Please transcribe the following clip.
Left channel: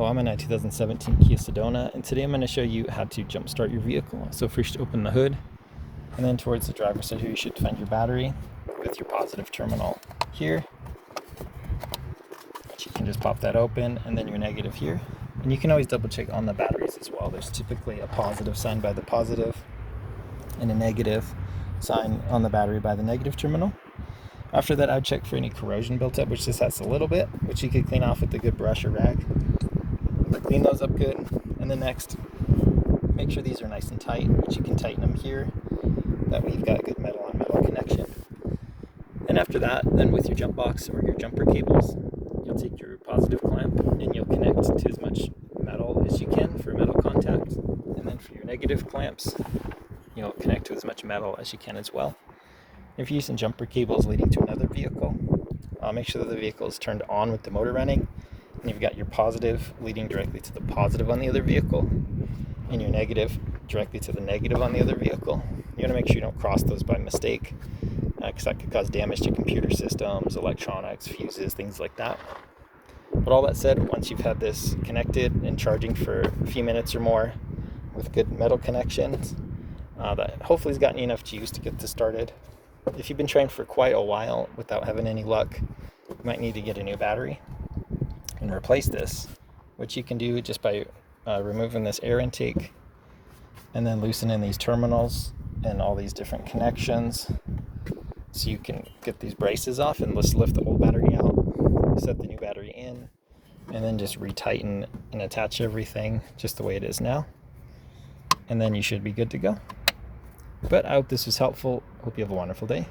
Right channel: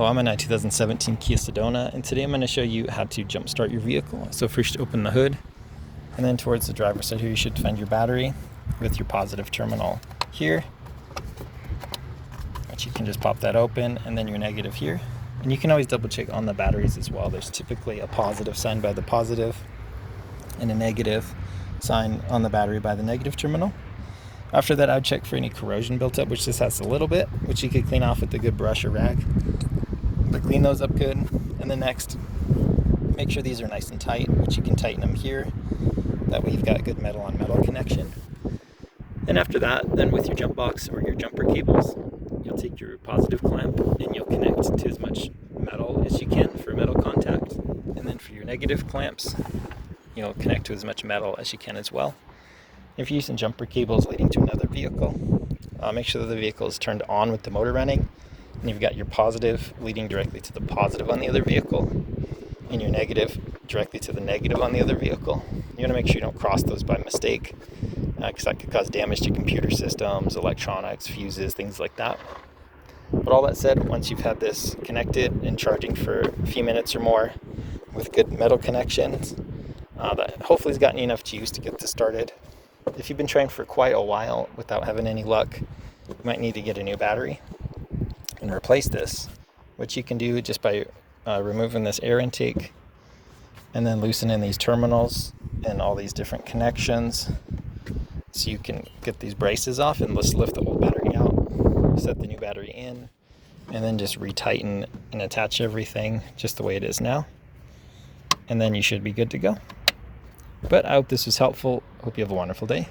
Hello, I'm in a 2017 Kia Sedona, and today I'm going to show you how to jump start your vehicle. So first open the hood, and then towards the driver's side here you should find your battery with your positive terminal here, which you can just pop that open, and then your negative here. And you can always double check on the batteries as well. There's typically a positive sign by the positive and a negative sign on the battery by the negative terminal. After that, I would check for any corrosion built up, which this has a little bit, which you could clean off with a good brush or rag. But clean those up good. And then next, make sure these are nice and tight, which you can tighten them here. That way you've got a good metal on metal connection. And after that, then with your jump box or your jumper cables, you'll take your positive clamp and you'll connect to as much metal as you can for metal contact. And then for your negative clamps, you'll connect to as much metal as you can as well. If you're using jumper cables leading to another vehicle, make sure that the vehicle is turned on with the motor running, and you've got your positive leading directly to the positive on the other vehicle, and your negative directly to the negative on the other vehicle. You want to make sure you don't cross those by mistake, because that could cause damage to computer systems, electronics, fuses, things like that. But all that said, once you've had this connected and charging for a few minutes or more with good metal connections, that hopefully has gotten you enough juice to get this started. If you've been trying for quite a while without having any luck, you might need to get a new battery and replace this, which you can do just by removing this air intake and then loosening these terminals and all these different connections, so you can get these braces off and just lift the old battery out, set the new battery in, and then just retighten and attach everything just the way it is now, and then you should be good to go. But I hope this was helpful. Hope you have a wonderful day.